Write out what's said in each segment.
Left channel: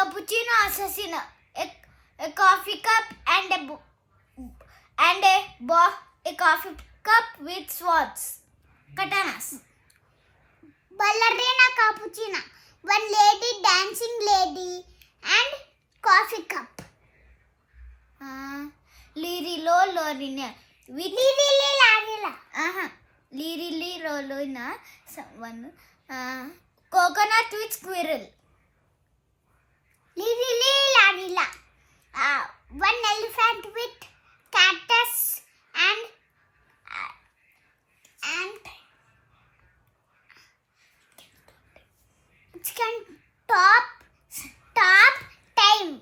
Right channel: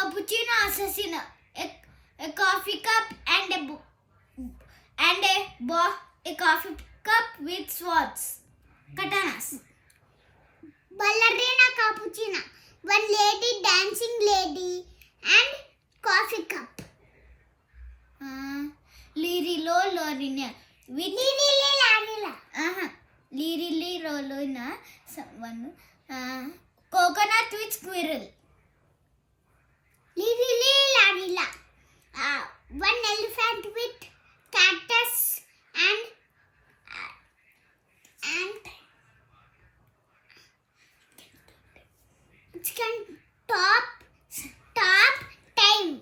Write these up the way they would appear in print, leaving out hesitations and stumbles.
cappuccino assassino, a coffee cup and a coffee cup with swords, katanas. Ballerina cappuccino, one lady dancing lady and coffee cup. Lirilo lorina with Lirili rolina one coconut with squirrel. Larila. One elephant with cactus and it can top time.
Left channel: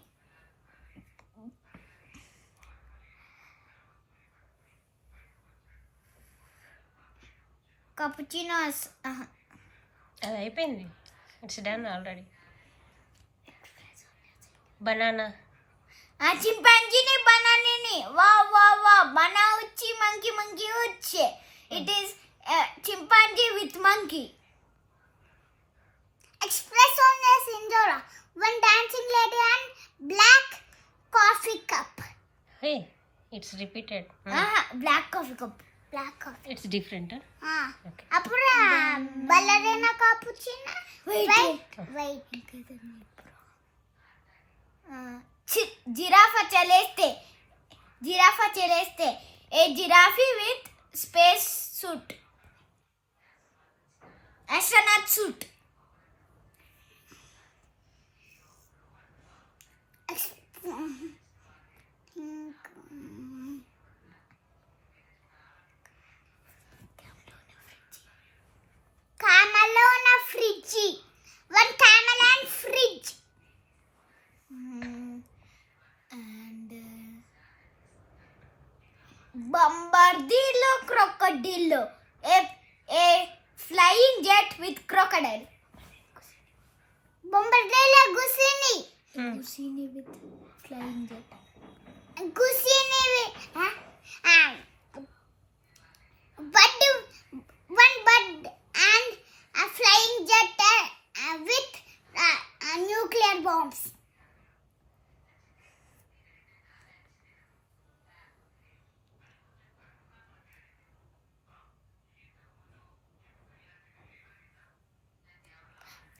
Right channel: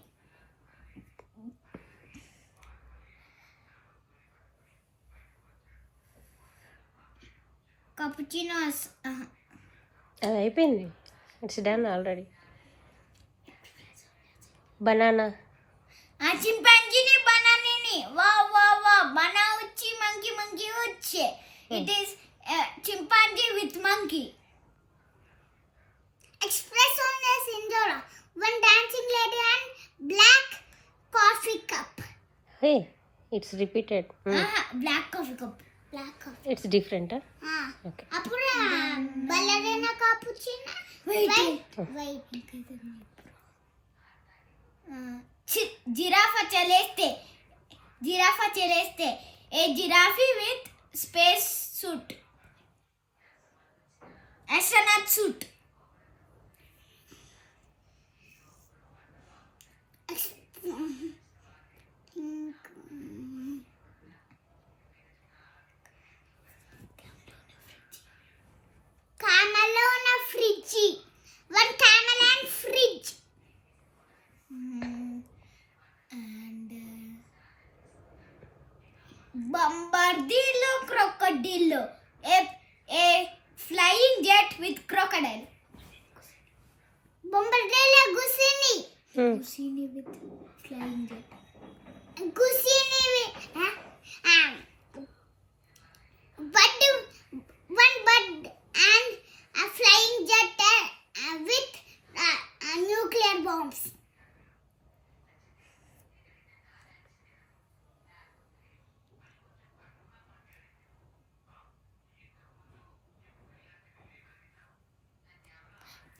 Cappuccino అది అయిపోయింది. It's done already. Banana. chimpanzee ni banana ni. Wow. Bana uchi monkey uchi. It is chimpanzee with monkey. Espresso Sindora. One dancing lady and black coffee cup. Hey, it's repeated. Black coffee cup. Black coffee. It's different. Okay. Apura ballerina cappuccino. Wait. Giraffe cheleste. A giraffe with space suit. Astronaut suit. Camel on a fridge. One camel and fridge. And bombardillo crocodillo. A flying jet with crocodile. Bombardillo Gusini. Gusini with flying jet. Gusini with one bird and a flying jet with nuclear bombs.